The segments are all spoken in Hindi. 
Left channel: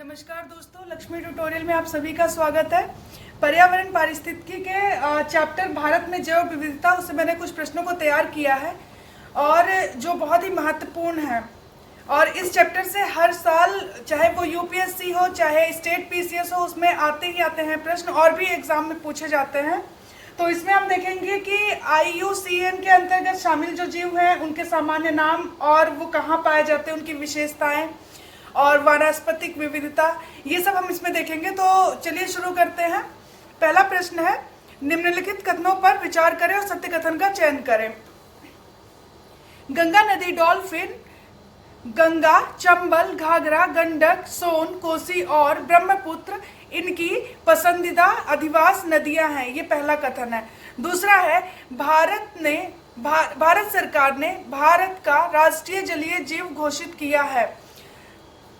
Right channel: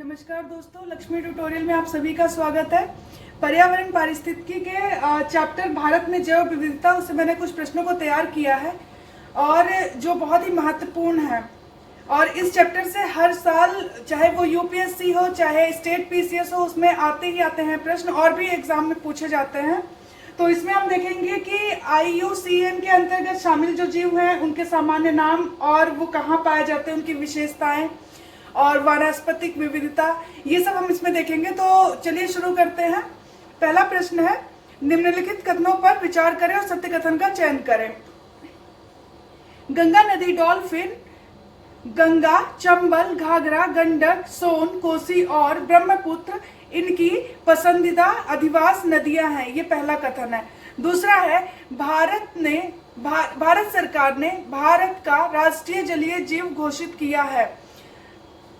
नमस्कार दोस्तों, लक्ष्मी ट्यूटोरियल में आप सभी का स्वागत है। पर्यावरण पारिस्थितिकी के चैप्टर भारत में जैव विविधता उससे मैंने कुछ प्रश्नों को तैयार किया है और जो बहुत ही महत्वपूर्ण है। और इस चैप्टर से हर साल चाहे वो यूपीएससी हो चाहे स्टेट पीसीएस हो, उसमें आते ही आते हैं प्रश्न और भी एग्जाम में पूछे जाते हैं। तो इसमें हम देखेंगे कि IUCN के अंतर्गत शामिल जो जीव हैं उनके सामान्य नाम और वो कहाँ पाए जाते हैं, उनकी विशेषताएं और वानस्पतिक विविधता, ये सब हम इसमें देखेंगे। तो चलिए शुरू करते हैं। पहला प्रश्न है, निम्नलिखित कथनों पर विचार करें और सत्य कथन का चयन करें। गंगा नदी डॉल्फिन गंगा, चंबल, घाघरा, गंडक, सोन, कोसी और ब्रह्मपुत्र इनकी पसंदीदा अधिवास नदियां हैं, ये पहला कथन है। दूसरा है, भारत सरकार ने भारत का राष्ट्रीय जलीय जीव घोषित किया है।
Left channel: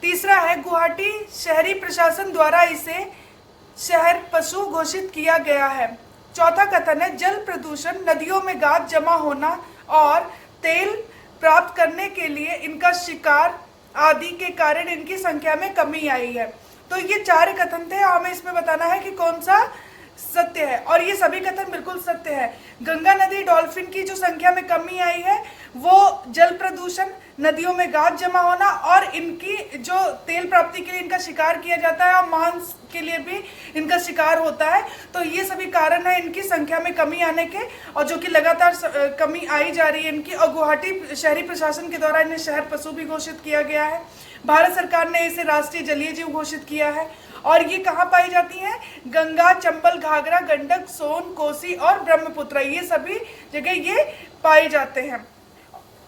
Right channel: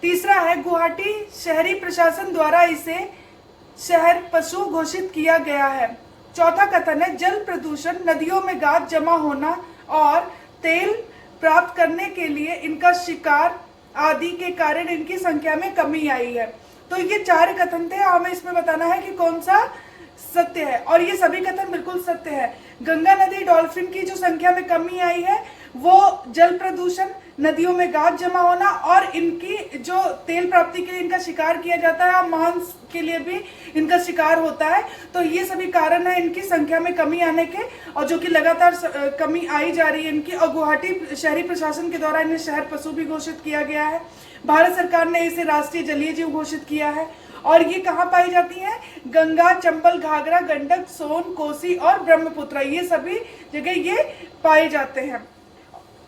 तीसरा है, गुवाहाटी शहरी प्रशासन द्वारा इसे शहर पशु घोषित किया गया है। चौथा कथन है, जल प्रदूषण, नदियों में गाद जमा होना और तेल प्राप्त करने के लिए इनका शिकार आदि के कारण इनकी संख्या में कमी आई है। तो ये चार कथन थे, हमें इसमें बताना है कि कौन सा सत्य है, और ये सभी कथन बिल्कुल सत्य है। गंगा नदी डॉल्फिन की जो संख्या में कमी आई है वो जल प्रदूषण, नदियों में गाद जमा होना और इनकी जो तेल प्राप्ति के लिए इनका शिकार किया जाता है और मांस के लिए भी इनका शिकार होता है, तो ये सभी कारण है इनकी संख्या में कमी आने के, और जो कि लगातार कमी आई जा रही है इनकी। और गुवाहाटी शहरी प्रशासन के द्वारा इन्हें शहर पशु भी घोषित किया गया है। भारत सरकार ने इसे राष्ट्रीय जलीय जीव घोषित किया है। और ये कहाँ पाई जाती हैं? गंगा, चंबल, घाघरा, गंडक, सोन, कोसी और ब्रह्मपुत्र, ये सभी जगह ये पाए जाते हैं।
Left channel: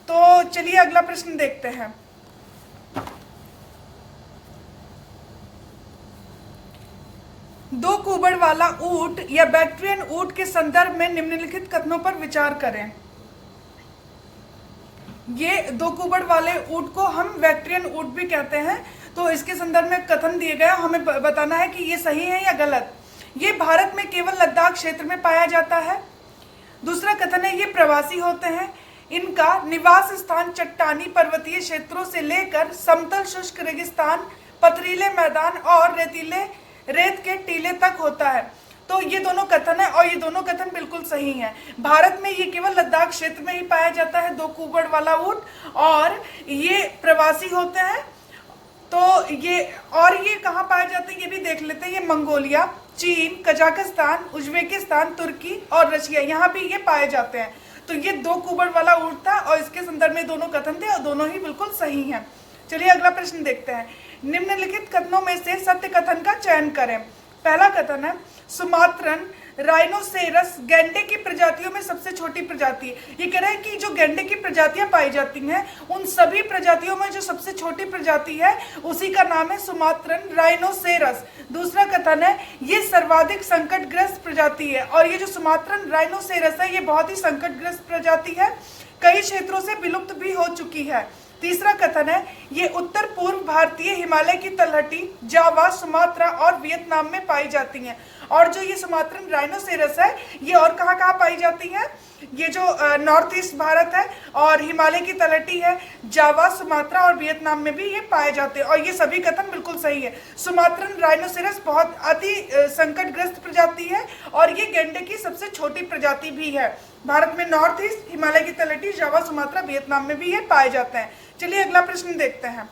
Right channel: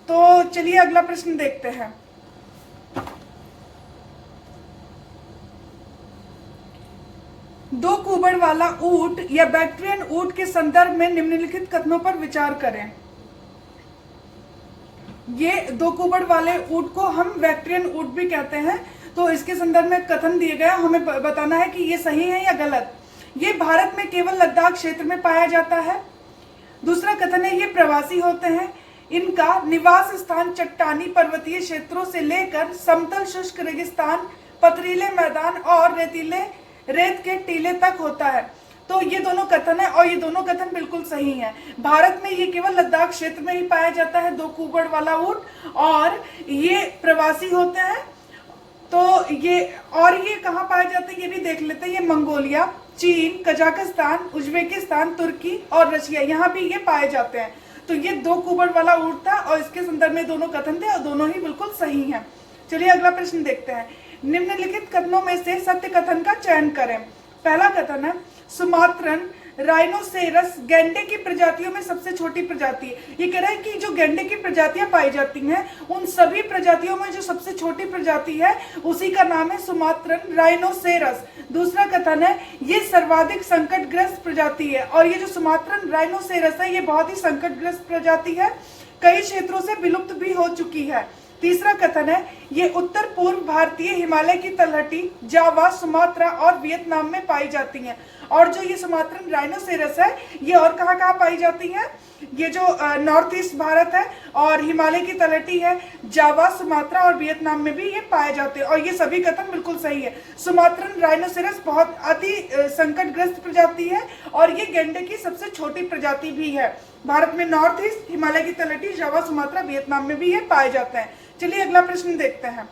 तो चलिए अगला प्रश्न देखते हैं। दो कुबड़ वाला ऊंट या बैक्ट्रियन ऊंट के संदर्भ में निम्नलिखित कथनों पर विचार करें। ये दो कुबड़ वाले ऊंट को हम बैक्ट्रियन ऊंट भी कहते हैं। तो इसके संदर्भ में कथन दिए गए, हमें बताना है कि ये सही है या गलत। ये भारत में केवल लद्दाख क्षेत्र में पाया जाता है। दूसरा कथन है, ये प्रवासी होते हैं। इनका निवास स्थान चट्टानी पर्वतीय क्षेत्रों से लेकर समतल शुष्क रेगिस्तान, पथरीले मैदान और रेत के टीले तक होता है। तो ये दोनों कथन है और ये दोनों कथन बिल्कुल सही हैं। भारत में ये केवल लद्दाख क्षेत्र में ही पाया जाता है, दो कुबड़ वाला ऊंट, और ये प्रवासी होते हैं। तो ये कहाँ पाए जाते हैं ये भी देख लेते हैं। ये मंगोलिया, चीन, कजाकिस्तान, उज्बेकिस्तान, तुर्की और रशिया, यहाँ भी ये पाए जाते हैं। तो ये दो कुबड़ वाला ऊंट था और इसके संदर्भ में दोनों कथन थे और दोनों ही बिल्कुल सही हैं। चलिए अगला प्रश्न देखते हैं। निम्नलिखित कथनों में से सत्य कथन का चयन करें। पहला कथन है, सुमात्रन राइनोसेरस गैंडे की प्रजातियों में सबसे छोटी प्रजाति है। ये कह रहे हैं कि जो गैंडे की प्रजातियां पाई जाती हैं उन सभी प्रजातियों में जो सबसे छोटी प्रजाति है उसी का नाम है सुमात्रन राइनोसेरस। दूसरा कथन है, ये सर्वाधिक संकटग्रस्त प्रजाति है, और ये जो सुमात्रन राइनोसेरस है ये बहुत ही संकटग्रस्त प्रजाति है, कई क्षेत्रों से विलुप्त भी हो चुकी है। तीसरा कथन है, ये उत्तर पूर्व भारतीय हिमालय की तलहटी, जावा, सुमात्रा और वियतनाम में पाई जाती हैं। और जो ये सुमात्रन राइनोसेरस है ये और कहाँ कहाँ पाई जाती हैं? ये जो नॉर्थ ईस्ट भारत है और हिमालय की तलहटी है, जावा, सुमात्रा और वियतनाम में भी ये पाए जाते हैं, और ये सभी कथन बिल्कुल सही है। सुमात्रन राइनोसेरस बहुत अति संकटग्रस्त प्रजाति है और ये गैंडे की सबसे छोटी प्रजाति भी है। भारत में नॉर्थ ईस्ट, हिमालय की तलहटी, जावा, सुमात्रा, वियतनाम में भी ये पाए जाते हैं। चलिए अगला प्रश्न देखते हैं।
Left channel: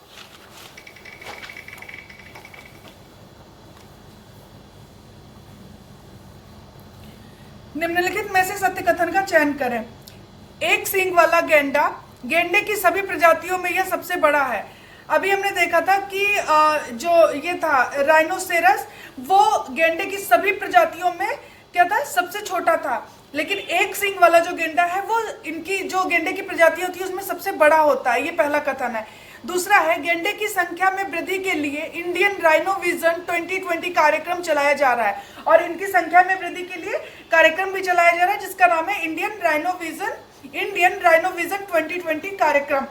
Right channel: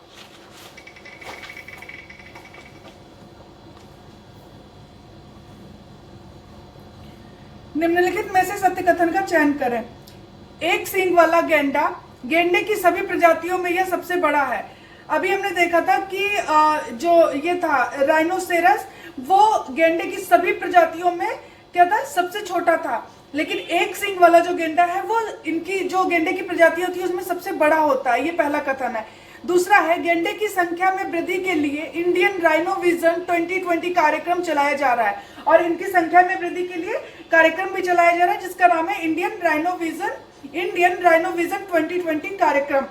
निम्नलिखित में से सत्य कथन का चयन करें। एक सींग वाला गेंडा गेंडे की सभी प्रजातियों में यह सबसे बड़ा है। अभी हमने देखा था कि जो ये था राइनोसेरस, वो गेंडे की सभी प्रजातियों में क्या था? सबसे छोटा था। लेकिन एक सींग वाला जो गेंडा है वो इनकी जो गेंडे की प्रजाति होती है उसमें सबसे बड़ा होता है, ये पहला कथन है। दूसरा है, गेंडे की संख्या में वृद्धि के लिए इंडियन राइनो विजन 2020 कार्यक्रम चलाया जा रहा है, और इनकी संख्या में वृद्धि के लिए कार्यक्रम भी चलाया जा रहा है जिसका नाम है इंडियन राइनो विजन 2020 कार्यक्रम।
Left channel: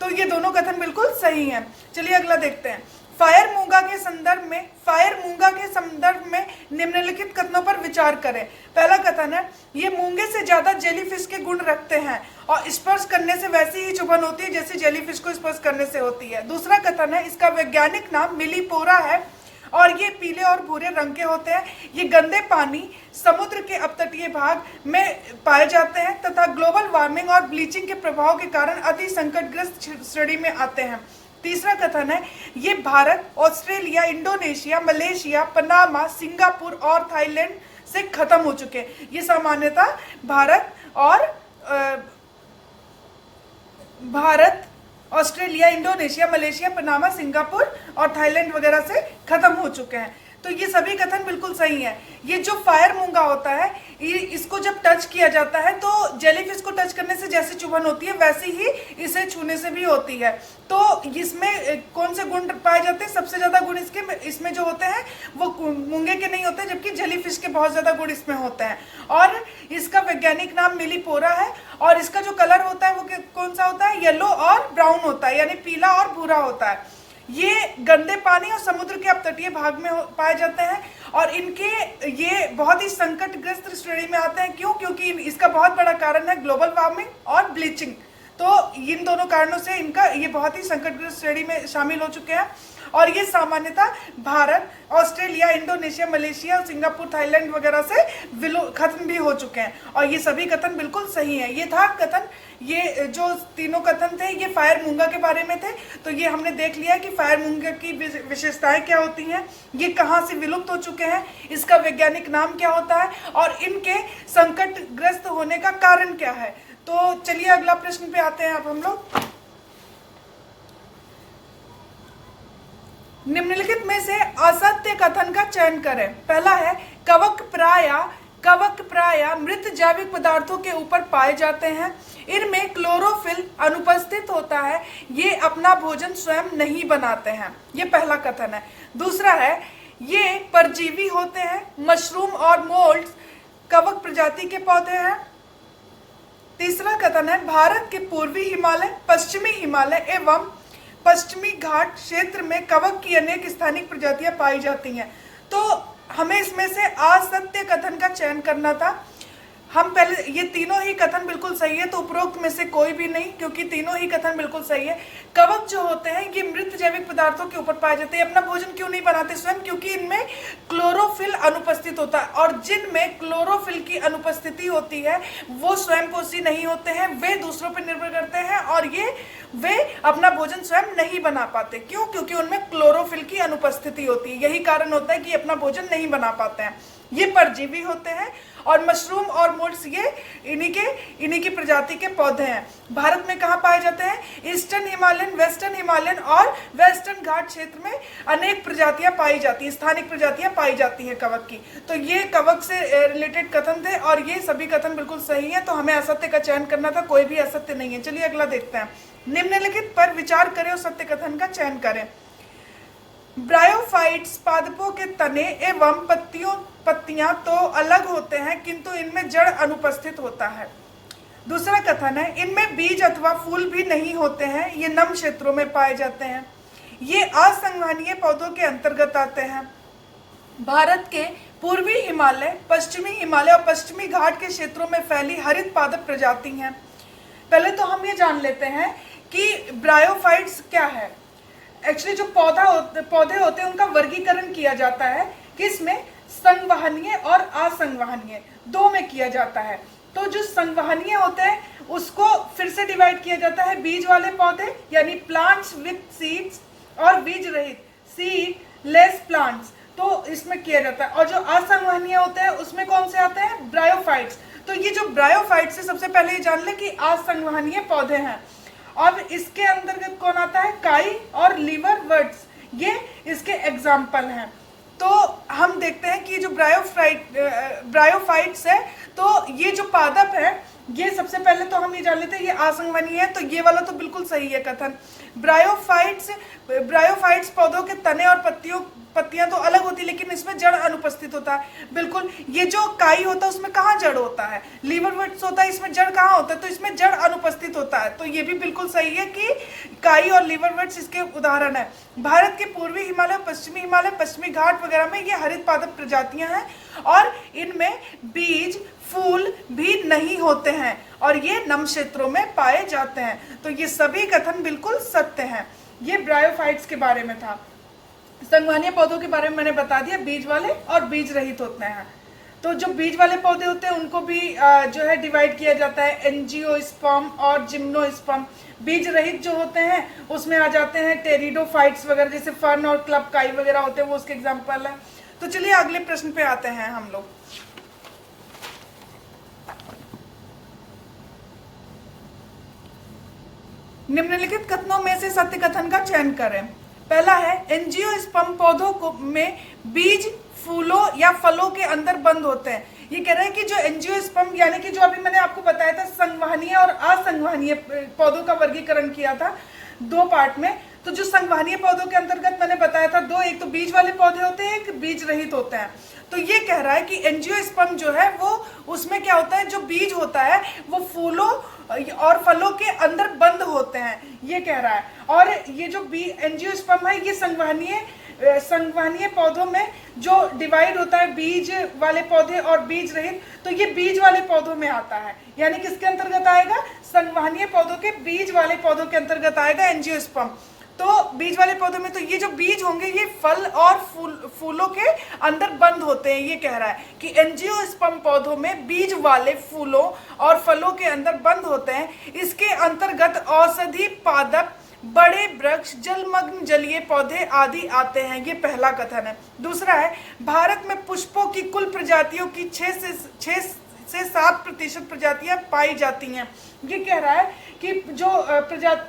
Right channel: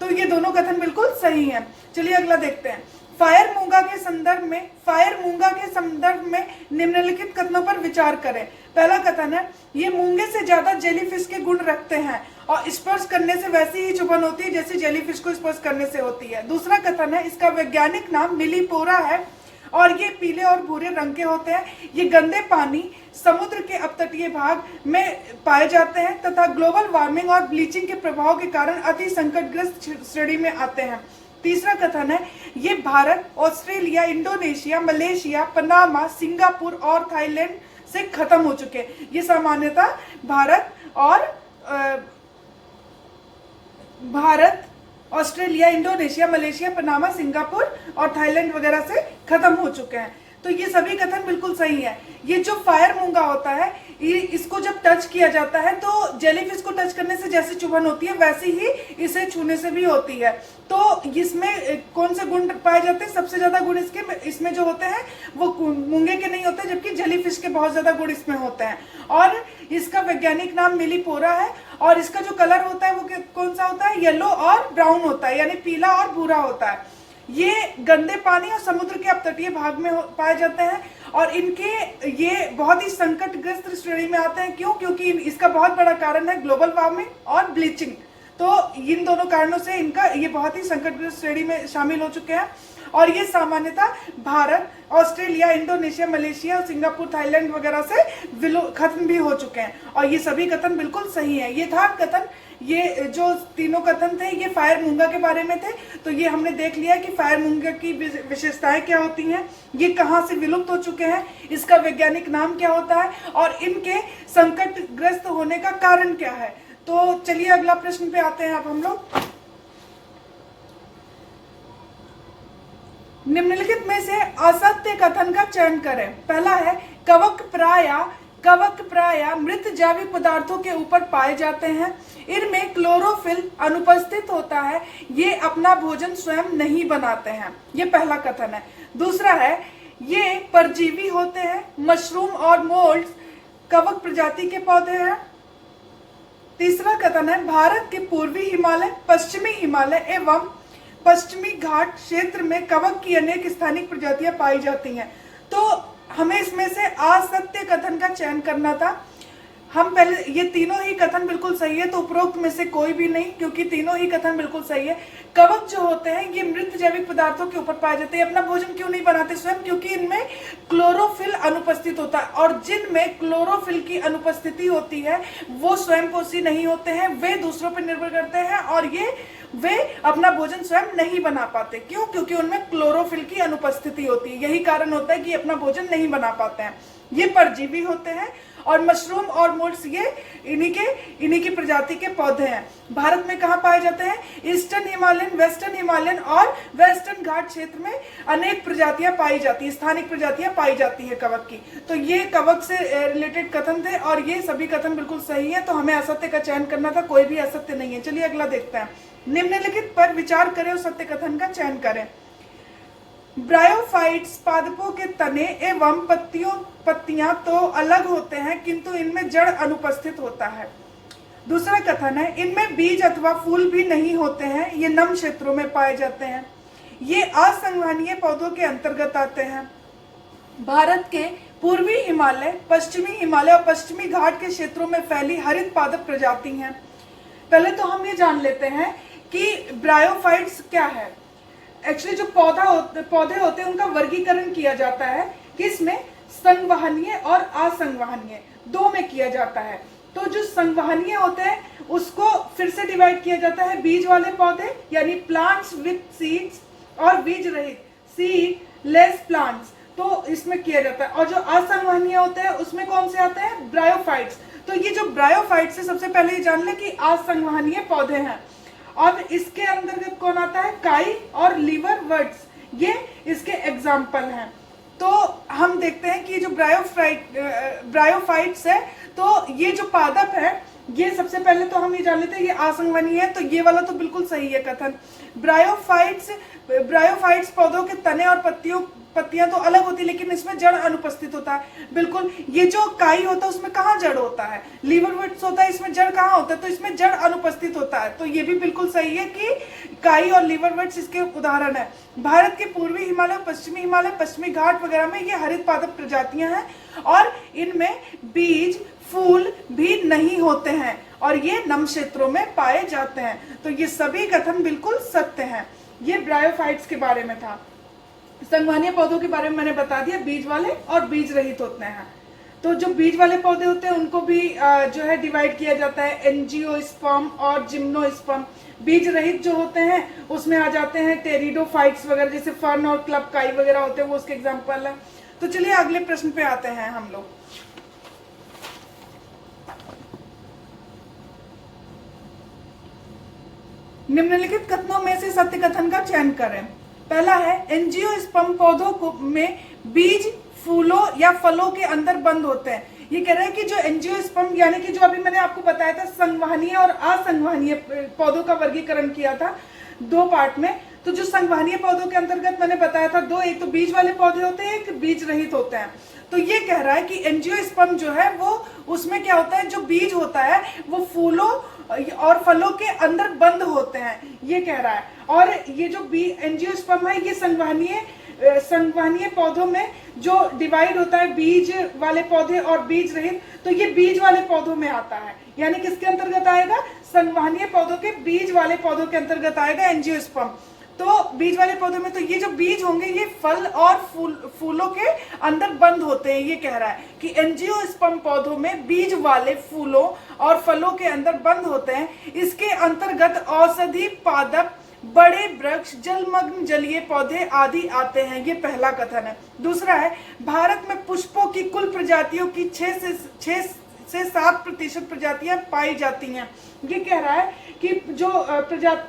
तो ये दोनों कथन बिल्कुल सही है। चलिए अगला देखते हैं। फायर मूंगा के संदर्भ संदर्भ में, फायर मूंगा के संदर्भ में निम्नलिखित कथनों पर विचार करें। पहला कथन है, ये मूंगे से ज्यादा जेलीफिश के गुण रखते हैं और स्पर्श करने से वैसी ही चुभन होती है जैसे जेलीफिश को स्पर्श करने से होती है। दूसरा कथन है, इसका वैज्ञानिक नाम मिलीपोरा है और ये पीले और भूरे रंग के होते हैं। ये गंदे पानी समुद्र के अपतटीय भाग में पाए जाते हैं तथा ग्लोबल वार्मिंग और ब्लीचिंग के प्रभाव के कारण अति संकटग्रस्त श्रेणी में आते हैं। तीसरा कथन है, ये Bharat, Australia, Indonesia, Malaysia, Panama, Singapore और थाईलैंड से खत्म हो चुके हैं। ये सामान्यतः Bharat, Australia, Indonesia, Malaysia, Panama, Singapore और थाईलैंड वगैरह से खत्म हो चुके हैं। तो ये सभी कथन बिल्कुल सही है। ये जो फायर मूंगा होता है, ये इसको जब टच किया जाता है तो जेलीफिश को टच करने से जैसी चुभन होती है वैसी ही इसे छूने से भी होती है। तो इसमें कौन से गुण पाए जाते हैं? सबसे ज्यादा गुण इसमें जो होते हैं वो मूंगे के नहीं होते, जबकि जेलीफिश के बहुत ज्यादा गुण इसमें होते हैं। और इसका वैज्ञानिक नाम मिलीपोरा है और इसका जो कलर होता है वो कौन सा होता है? येलो और ब्राउन होता है, यानी पीला और भूरा होता है। ये गंदे पानी और समुद्र के अपतटीय भाग में पाए जाते हैं और ये बहुत ही संकटग्रस्त श्रेणी में आते हैं। क्यों? क्योंकि इसका बहुत बड़ा कारण है ग्लोबल वार्मिंग और ब्लीचिंग। तो इन दोनों कारणों से ये बहुत ही संकटग्रस्त श्रेणी में शामिल हो चुके हैं और ये सामान्यतः Bharat, Australia, Indonesia, Malaysia, Singapore, Thailand वगैरह से खत्म भी हो चुके हैं। और ये सभी कथन बिल्कुल सही है। ये था कथन, ये जो तीनों कथन थे ये फायर मूंगा के बारे में थे। तो ये हमने देख लिया कि फायर मूंगा की विशेषताएं क्या होती हैं, ये कहाँ से विलुप्त हो चुके हैं, इसका वैज्ञानिक नाम क्या होता है और इनके संकटग्रस्त होने का कारण क्या है। तो चलिए अगला प्रश्न पे आते हैं अब हम लोग। निम्नलिखित में से असत्य कथन का चयन करें। पहला है, कवक प्राय मृत जैविक पदार्थों के ऊपर पाए जाते हैं। इनमें क्लोरोफिल अनुपस्थित होता है। ये अपना भोजन स्वयं नहीं बनाते हैं। ये पहला कथन है। दूसरा है, ये परजीवी होते हैं। मशरूम और मोल्ड्स कवक प्रजाति के पौधे हैं। तीसरा कथन है, भारत के पूर्वी हिमालय, पश्चिमी हिमालय एवं पश्चिमी घाट क्षेत्र में कवक की अनेक स्थानिक प्रजातियां पाई जाती हैं। तो हमें इसमें से असत्य कथन का चयन करना था। हम पहले, ये तीनों ही कथन बिल्कुल सही है, तो उपरोक्त में से कोई भी नहीं, क्योंकि तीनों ही कथन बिल्कुल सही है। कवक जो होते हैं ये मृत जैविक पदार्थों के ऊपर पाए जाते हैं। अपना भोजन क्यों नहीं बनाते स्वयं? क्योंकि इनमें क्लोरोफिल अनुपस्थित होता है और जिनमें क्लोरोफिल की अनुपस्थिति होती है वो स्वयंपोषी नहीं होते हैं, वे दूसरों पर निर्भर करते हैं और वे अपना भोजन स्वयं नहीं बना पाते। क्यों? क्योंकि उनमें क्लोरोफिल की अनुपस्थिति होती है। यही कारण होता है कि अपना भोजन नहीं बना पाते हैं। ये परजीवी होते हैं और मशरूम और मोल्ड्स ये इन्हीं की प्रजाति के पौधे हैं। भारत में कहाँ पाए जाते हैं? ईस्टर्न हिमालयन, वेस्टर्न हिमालयन और वेस्टर्न घाट क्षेत्र में अनेक प्रजातियां पाई जाती है, स्थानिक प्रजातियां पाई जाती है कवक की। तो ये कवक से रिलेटेड कथन थे और ये सभी कथन बिल्कुल सही है। तो हमें असत्य का चयन करना था, कोई भी असत्य नहीं है। चलिए अगला देखते हैं। निम्नलिखित पर विचार करें और सत्य कथन का चयन करें। ब्रायोफाइट्स पादपों के तने एवं पत्तियां तो अलग होते हैं किंतु इनमें जड़ अनुपस्थित होता है। दूसरा कथन है, इनमें बीज अथवा फूल भी नहीं होते हैं। ये नम क्षेत्रों में पाए जाते हैं। ये असंवहनीय पौधों के अंतर्गत आते हैं। भारत के पूर्वी हिमालय, पश्चिमी हिमालय और पश्चिमी घाट के क्षेत्रों में फैली हरित पादप प्रजाति हैं। पहले तो हम ये जान लेते हैं कि ब्रायोफाइट्स क्या है। एक्चुअली जो पौधे होते हैं उनका वर्गीकरण किया जाता है किसमें? संवहनीय और असंवहनीय, दो में किया जाता है। तो जो संवहनीय होते हैं उसको फिर से डिवाइड किया जाता है बीज वाले पौधे यानी प्लांट्स विथ सीड्स और बीज रहित सीड लेस प्लांट्स, तो इसमें किया जाता है। और जो असंवहनीय होते हैं उसमें कौन से आते हैं? ब्रायोफाइट्स। तो ये जो ब्रायोफाइट्स है, सबसे पहले ये जान ले कि असंवहनीय पौधे हैं। और इसके अंतर्गत कौन आता है? काई और लीवर वर्ड्स, ये इसके एग्जाम्पल हैं। तो हम देखते हैं कि जो ब्रायोफाइट्स है, तो ये जो पादप है ये सबसे पहले तो हम ये जान लेते हैं ये असंवहनीय है। तो ये वाला तो बिल्कुल सही है कथन। ब्रायोफाइट्स ब्रायोफाइट्स पौधों के तने और पत्तियां तो अलग होती है, लेकिन इसमें जड़ अनुपस्थित होता है। बिल्कुल, ये जो काई होता है उसमें कहाँ जड़ होता है, लीवरवुड्स होता है, इसमें जड़ कहाँ होता है, तो इसमें जड़ अनुपस्थित होता है। तो ये भी बिल्कुल सही है कि काई और लीवरवुड्स इसके उदाहरण है। भारत के पूर्वी हिमालय, पश्चिमी घाट वगैरह में ये हरित पादप प्रजातियां हैं और इनमें बीज फूल भी नहीं होते हैं और ये नम क्षेत्रों में पाए जाते हैं। तो ये सभी कथन बिल्कुल सत्य हैं। ये ब्रायोफाइट्स के बारे में था। संवहनीय पौधों के बारे में मैंने बता दिया, बीज वाले और बीज रहित होते हैं। तो जो बीज वाले पौधे होते हैं उनको भी जो है डिवाइड किया जाता है एंजियोस्पर्म और जिम्नोस्पर्म। बीज रहित जो होते हैं उसमें आ जाते हैं टेरिडोफाइट्स वगैरह, जैसे फर्न और क्लब काई वगैरह होते हैं, वो उसके एग्जाम्पल है। तो चलिए अगले प्रश्न पे आते हैं हम लोग। निम्नलिखित कथनों में से सत्य कथन का चयन करें। पहला है, एंजियोस्पर्म पौधों को में बीज फूलों या फलों के अंदर बंद होते हैं। ये कह रहे हैं कि जो एंजियोस्पर्म यानी कि जो अभी मैंने आपको बताया था संवहनीय और असंवहनीय पौधों का वर्गीकरण किया था 2 पार्ट में। तो जो संवहनीय पौधों के अंतर्गत मैंने बताया था 2, एक तो बीज वाले पौधे होते हैं, एक बीज रहित होते हैं। तो ये कह रहा है कि एंजियोस्पर्म जो है वो उसमें क्या होता है, जो बीज होता है वो फूलों और फलों के अंदर बंद होते हैं, ये कह रहा है। और ये जो एंजियोस्पर्म है ये संवहनीय पौधों में जो डिवाइड होता है बीज वाले पौधे और बीज रहित, तो ये बीज वाले पौधों में आता है। यानी किसके अंतर्गत आएगा, संवहनीय पौधों के बीज वाले पौधों के अंतर्गत आएगा एंजियोस्पर्म। तो बीज वाले पौधों में तो ये जो बीज होंगे ये फल और फूलों के अंदर बंद होते हैं। ये कह रहा है कि एंजियोस्पर्म पौधों में बीज वाले फूलों और फलों के अंदर बंद होते हैं। इसके अंतर्गत औषधि पादप, बड़े वृक्ष, जलमग्न जलीय पौधे आदि आते हैं। ये पहला कथन है। दूसरा है, भारत में पुष्पों की कुल प्रजातियों की 6 से 7% प्रजातियां पाई जाती हैं। ये कह रहा है कि जो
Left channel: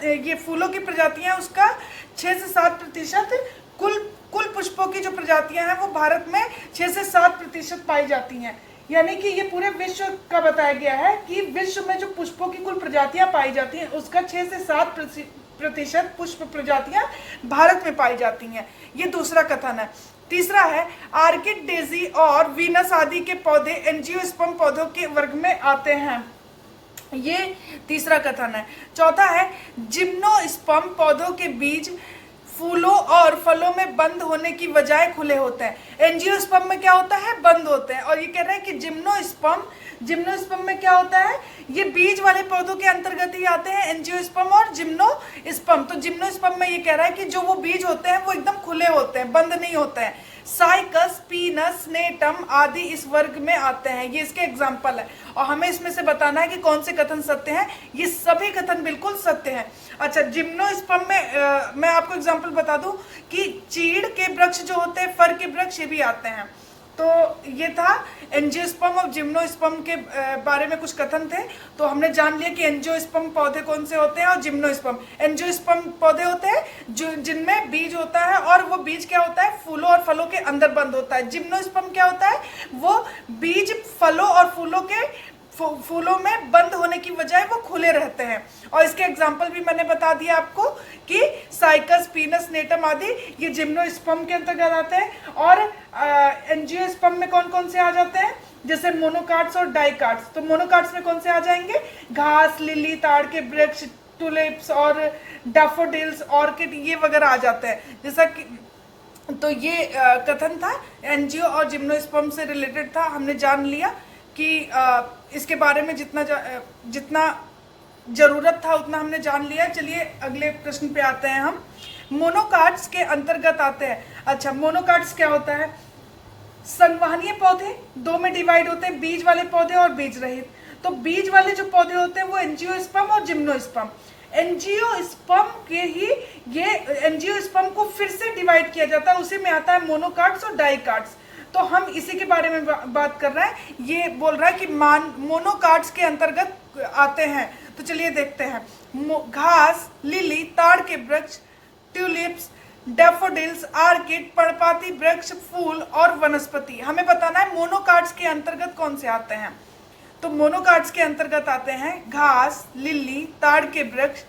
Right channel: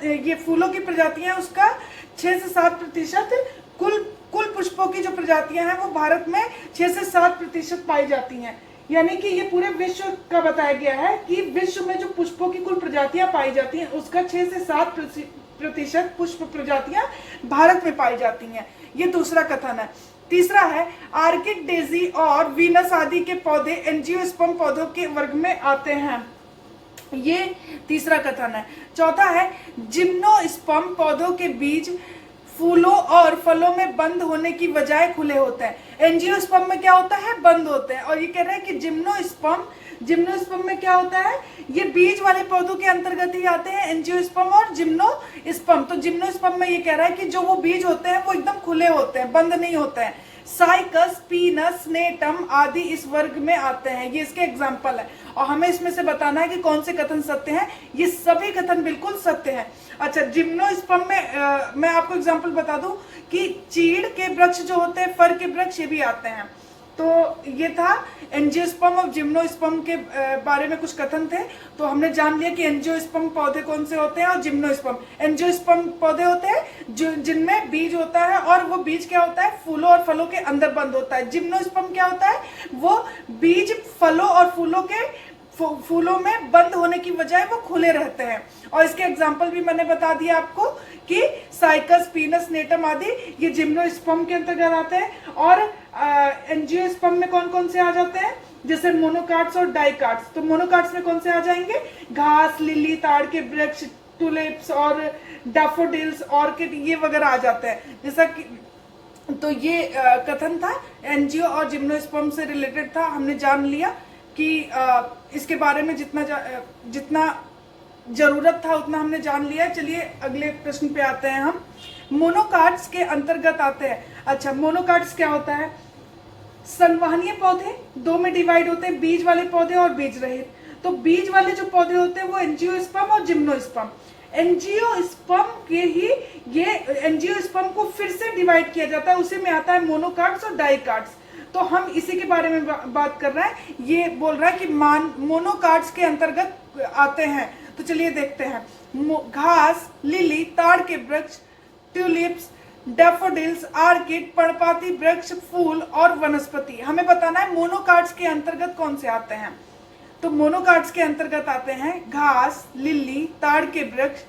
ये फूलों की प्रजातियां उसका 6 से 7% कुल पुष्पों की जो प्रजातियां हैं वो भारत में 6 से 7% पाई जाती हैं। यानी कि ये पूरे विश्व का बताया गया है कि विश्व में जो पुष्पों की कुल प्रजातियां पाई जाती हैं उसका 6 से 7% पुष्प प्रजातियां भारत में पाई जाती हैं। ये दूसरा कथन है। तीसरा है, आर्किड, डेजी और वीनस आदि के पौधे एंजियोस्पर्म पौधों के वर्ग में आते हैं। ये तीसरा कथन है। चौथा है, जिम्नोस्पर्म पौधों के बीज फूलों और फलों में बंद होने की बजाय खुले होते हैं। एंजियोस्पर्म में क्या होता है, बंद होते हैं। और ये कह रहे हैं कि जिम्नोस्पर्म में क्या होता है, ये बीज वाले पौधों के अंतर्गत ही आते हैं एंजियोस्पर्म और जिम्नोस्पर्म। तो जिम्नोस्पर्म में ये कह रहा है कि जो वो बीज होते हैं वो एकदम खुले होते हैं, बंद नहीं होते हैं। साइकस, पीनस, नेटम आदि इस वर्ग में आते हैं। ये इसके एग्जाम्पल है और हमें इसमें से बताना है कि कौन से कथन सत्य हैं। ये सभी कथन बिल्कुल सत्य हैं। अच्छा, जिम्नोस्पर्म में मैं आपको एग्जाम्पल बता दूं कि चीड़ के वृक्ष जो होते हैं, फर के वृक्ष, ये भी आते हैं। तो ये था एंजियोस्पर्म और जिम्नोस्पर्म के बारे में कुछ कथन थे। तो हमने जान लिया कि एंजियोस्पर्म पौधे कौन से होते हैं और जिम्नोस्पर्म। एंजियोस्पर्म पौधे होते हैं जिनमें बीज होता है और वो बीज क्या होता है, फूलों और फलों के अंदर बंद होता है। जिम्नोस्पर्म क्या होता है, वो बीज फलों और फूलों में बंद होने की बजाय वो खुले रहते हैं। और इसके एग्जाम्पल भी मैंने बता दिया आपको कि साइकस, पीनस, नेटम आदि ये जिम्नोस्पर्म के अंतर्गत आते हैं। और एंजियोस्पर्म में कौन कौन से आ जाते हैं, जैसे मोनोकाट्स और डाइकाट्स। तो मोनोकाट्स में कौन से आ जाएंगे, घास, लिली, ताड़ के वृक्ष, टुलिप्स और डैफोडिल्स, ऑर्किड, ये वगैरह आ जाते हैं। जैसा कि तो ये कथन था, एंजियो और जिम्नोस्पर्म से रिलेटेड था। हमने जान लिया कि इसके बारे में जितना जरूरत था उतना हमने जान लिया। चलिए अगले प्रश्न पे आते हैं हम। मोनोकाट्स के अंतर्गत आते हैं। अच्छा, मोनोकाट्स क्या होता है, संवहनीय पौधे 2 में डिवाइड होते हैं, बीज वाले पौधे और बीज रहित। तो बीज वाले जो पौधे होते हैं वो एंजियोस्पर्म और जिम्नोस्पर्म। एंजियोस्पर्म के ही ये एंजियोस्पर्म को फिर से डिवाइड किया जाता है, उसी में आता है मोनोकाट्स और डाइकाट्स। तो हम इसी के बारे में बात कर रहे हैं। ये बोल रहा है कि मोनोकाट्स के अंतर्गत आते हैं। तो चलिए देखते हैं। घास, लिली, ताड़ के वृक्ष, ट्यूलिप्स, डैफोडिल्स, आर्किड, पर्णपाती वृक्ष, फूल और वनस्पति। हमें बताना है मोनोकाट्स के अंतर्गत कौन से आते हैं। तो मोनोकाट्स के अंतर्गत आते हैं घास, लिली, ताड़ के वृक्ष,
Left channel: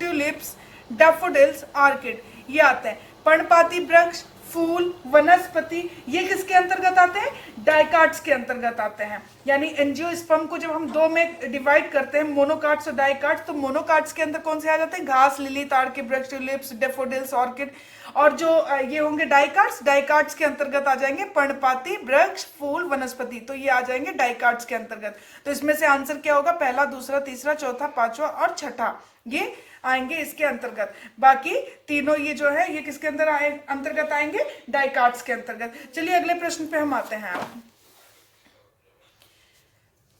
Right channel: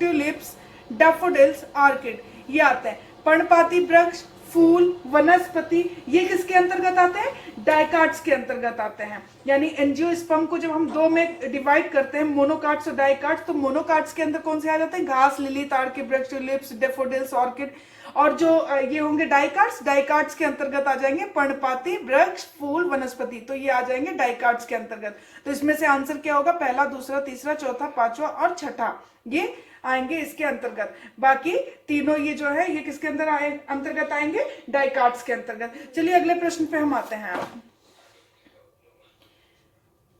ट्यूलिप्स, डैफोडिल्स, आर्किड। ये आते हैं। पर्णपाती वृक्ष, फूल, वनस्पति, ये किसके अंतर्गत आते हैं? डाइकाट्स के अंतर्गत आते हैं। यानी एंजियोस्पर्म को जब हम दो में डिवाइड करते हैं, मोनोकाट्स और डाइकाट्स, तो मोनोकाट्स के अंदर कौन से आ जाते हैं? घास, लिली, ताड़ के वृक्ष, ट्यूलिप्स, डेफोडिल्स, ऑर्किड। और जो ये होंगे डाइकाट्स, डाइकाट्स के अंतर्गत आ जाएंगे पर्णपाती वृक्ष, फूल, वनस्पति, तो ये आ जाएंगे डाइकाट्स के अंतर्गत। तो इसमें से आंसर क्या होगा? पहला, दूसरा, तीसरा, चौथा, पांचवा और छठा, ये आएंगे इसके अंतर्गत। बाकी तीनों ये जो है ये किसके अंदर अंतर्गत आएंगे? डाइकाट्स के अंतर्गत। चलिए अगले प्रश्न पे हम आते हैं।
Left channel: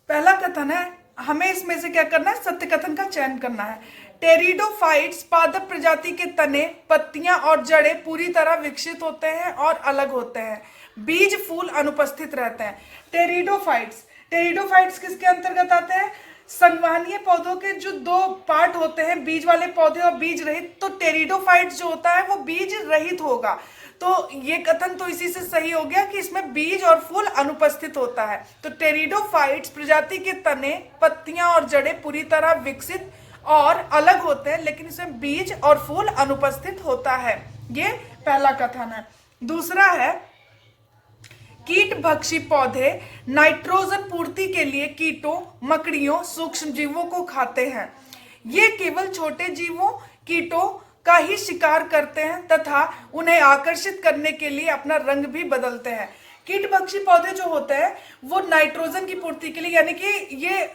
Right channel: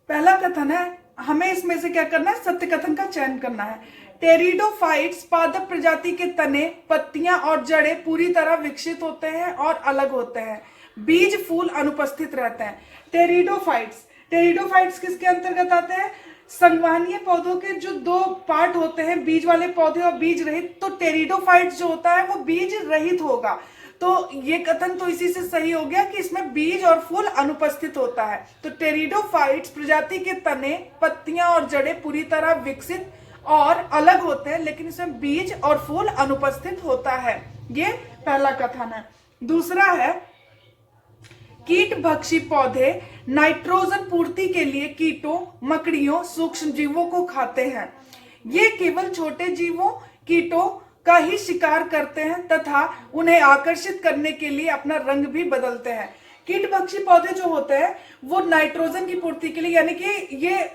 पहला कथन है, हमें इसमें से क्या करना है? सत्य कथन का चयन करना है। टेरिडोफाइट्स पादप प्रजाति के तने, पत्तियां और जड़ें पूरी तरह विकसित होते हैं और अलग होते हैं। बीज, फूल अनुपस्थित रहते हैं। टेरिडोफाइट्स, टेरिडोफाइट्स किसके अंतर्गत आते हैं? संवहनीय पौधों के जो दो पार्ट होते हैं, बीज वाले पौधे और बीज रहित, तो टेरिडोफाइट्स जो होता है वो बीज रहित होगा। तो ये कथन तो इसी से सही हो गया कि इसमें बीज और फूल अनुपस्थित होता है। तो टेरिडोफाइट्स प्रजाति के तने, पत्तियां और जड़ें पूरी तरह विकसित और अलग होते हैं, लेकिन इसमें बीज और फूल अनुपस्थित होता है। ये पहला कथन है। दूसरा है, कीट भक्षी पौधे नाइट्रोजन पूर्ति के लिए कीटों, मकड़ियों, सूक्ष्म जीवों को खाते हैं। ये केवल छोटे जीवों, कीटों का ही शिकार करते हैं तथा उन्हें आकर्षित करने के लिए अपना रंग भी बदलते हैं। कीट भक्षी पौधे जो होते हैं वो नाइट्रोजन की पूर्ति के लिए, यानी कि ये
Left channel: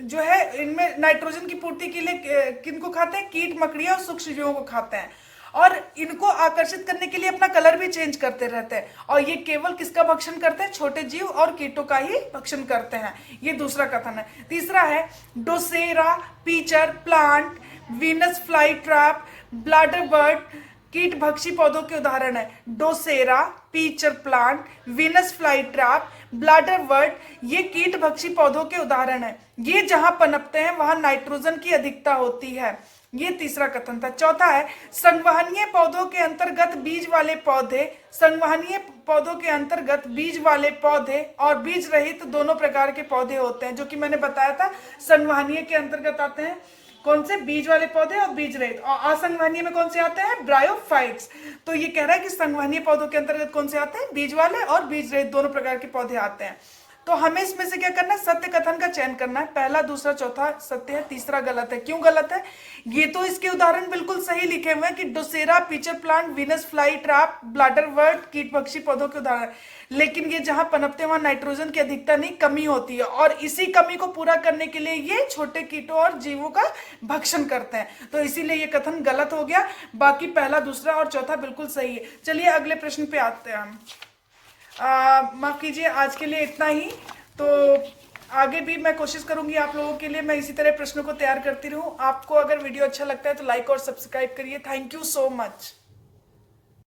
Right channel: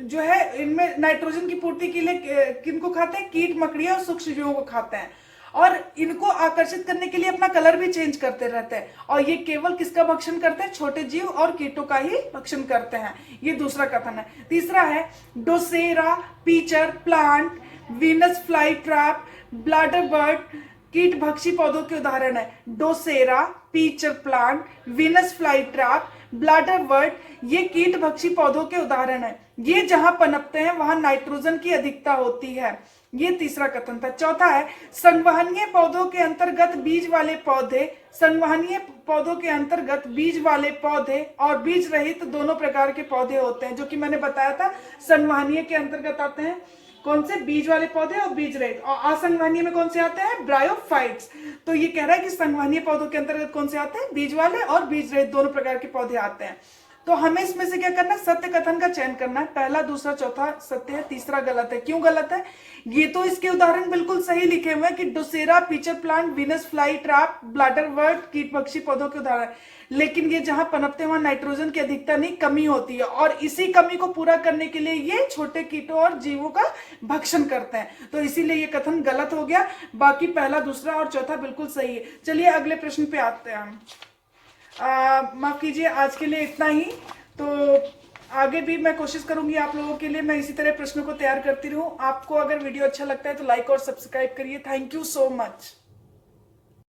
जो है इनमें नाइट्रोजन की पूर्ति के लिए किनको खाते हैं? कीट, मकड़ियां और सूक्ष्म जीवों को खाते हैं, और इनको आकर्षित करने के लिए अपना कलर भी चेंज करते रहते हैं। और ये केवल किसका भक्षण करते हैं? छोटे जीव और कीटों का ही भक्षण करते हैं। ये दूसरा कथन है। तीसरा है, drosera, pitcher plant, Venus fly trap, bladder bird कीट भक्षी पौधों के उदाहरण है। Drosera, pitcher plant, Venus fly trap, bladder bird, ये कीट भक्षी पौधों के उदाहरण है। ये जहां पनपते हैं वहां नाइट्रोजन की अधिकता होती है। ये तीसरा कथन था। चौथा है, संवहनीय पौधों के अंतर्गत बीज वाले पौधे, संवहनीय पौधों के अंतर्गत बीज वाले पौधे और बीज रहित दोनों प्रकार के पौधे होते हैं, जो कि मैंने बताया था। संवहनीय के अंतर्गत आते हैं कौन से? बीज वाले पौधे और बीज रहित। और असंवहनीय में कौन से आते हैं? ब्रायोफाइट्स। तो ये कह रहा है कि संवहनीय पौधों के अंतर्गत कौन से आते हैं? बीज वाले और बीज रहित दोनों प्रकार के पौधे आते हैं। तो हमें इसमें से क्या करना है? सत्य कथन का चयन करना है। पहला, दूसरा, चौथा सत्य है, तीसरा गलत है। क्यों गलत है? ये तो इसके उदाहरण बिल्कुल सही लिखे हुए हैं कि drosera, pitcher plant, Venus fly trap, bladder bird कीट भक्षी पौधों के उदाहरण, लेकिन ये जहां पनपते हैं वहां नाइट्रोजन की अधिकता नहीं, कमी होती है, और इसी कमी को पूरा करने के लिए ये छोटे कीटों और जीवों का भक्षण करते हैं। तो इसीलिए ये कथन गलत हो गया। बाकी पहला, दूसरा और चौथा बिल्कुल सही है। चलिए अगले प्रश्न पे आते हैं हम। माफ कीजिए, आज के लिए इतना ही। तो आगे भी मैं कोशिश करूंगी आप लोगों के लिए मैं इसी तरह प्रश्नों को तैयार करती रहूं। आपको अगर वीडियो अच्छा लगता है तो लाइक और सब्सक्राइब करिए। Thank you so much.